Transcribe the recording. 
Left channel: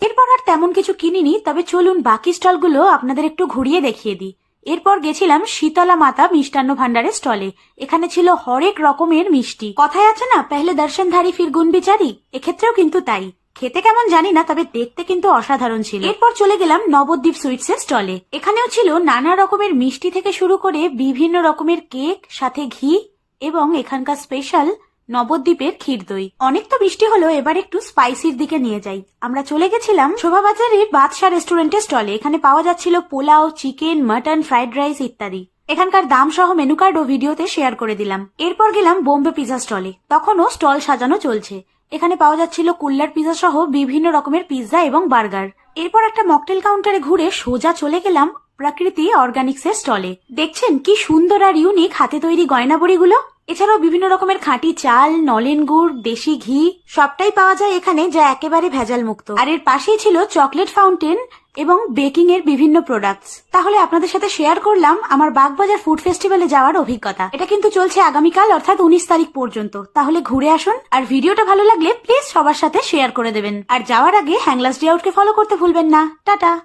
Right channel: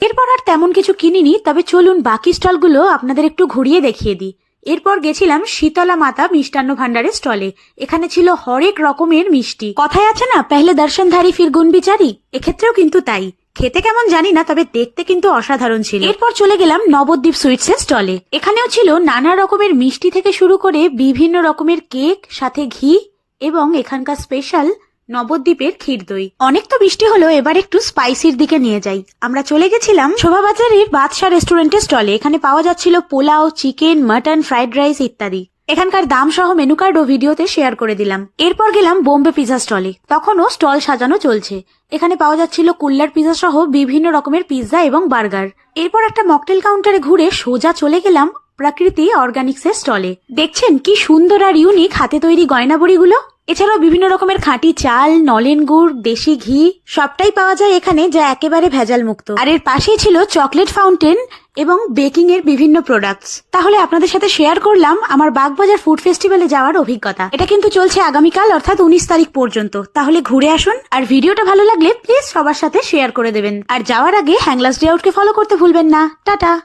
এরপর আর তেমন কিছু কিনিনি, তবে চলুন বাকি স্টলগুলো আপনাদের একটু ঘুরিয়ে দেখিয়ে দিই। এরপর গেছিলাম শীতলা মাতা মিষ্টান্ন ভান্ডারের স্টলে। এখানে ছিল হরেক রকমের মিষ্টি। কথায় আছে না, পেহলে দর্শনধারী ফির গুণ বিচারি, এক্ষেত্রেও কিন্তু তাই। খেতে কেমন জানি না, তবে দেখতে কিন্তু অসাধারণ ছিল। এরপর চলে গেলাম নবদ্বীপ সুইটস এর স্টলে। এখানেও ছিল নানা রকমের মিষ্টি থেকে শুরু করে বিভিন্ন রকমের কেক, সাথে ঘি এবং এখানকার স্পেশাল নবদ্বীপের ক্ষীর দই। অনেক তো মিষ্টি হলো, এবার একটু স্পাইসির দিকে নিয়ে যাই। আমরা চলে গেছিলাম শোভাবাজারের বাদশা রেস্টুরেন্টের স্টলে। এখানে পাওয়া যাচ্ছিল pulao, chicken, mutton, fried rice ইত্যাদি। এখানকার দাম সহ মেনু কার্ড ও ভিডিওতে শেয়ার করে দিলাম। এরপর গেলাম বোম্বে পিজা স্টলে। তখনও স্টল সাজানো চলছে। এখানে পাওয়া যাচ্ছিল কুল্লার পিজা সহ বিভিন্ন রকমের পিৎজা এবং বার্গার। এরপর একটা মকটেল কাউন্টারে ঘুরে সোজা চলে গেলাম প্রকৃতি অর্গানিক্স এর স্টলে। দেখছেন কি সুন্দর আর ইউনিক হাতে তৈরি গয়নাবড়িগুলো। এছাড়াও বিভিন্ন রকমের খাঁটি চাল, নলেন গুড়, দেশি ঘি সবটাই পাওয়া যায় এখানে, যা একেবারে ভেজাল মুক্ত। আর এর পাশেই ছিল চকলেট ফাউন্টেন এবং বেকিং এর বিভিন্ন প্রোডাক্টস। তাহলে আপনাদের সাথে শেয়ার করলাম আমার বাগবাজার ফুড ফেস্টিভ্যালে যাওয়ার অভিজ্ঞতা। এটা কিন্তু চলছে আগামীকাল অর্থাৎ 19 তারিখ পর্যন্ত। তাহলে ঘুরে আসুন, আর ভিডিওটা ভালো লাগলে প্লিজ সবার সাথে শেয়ার করে দেবেন। আর যাওয়ার আগে হ্যাংলাস ডে আউটকে ফলো করতে ভুলবেন না। টাটা।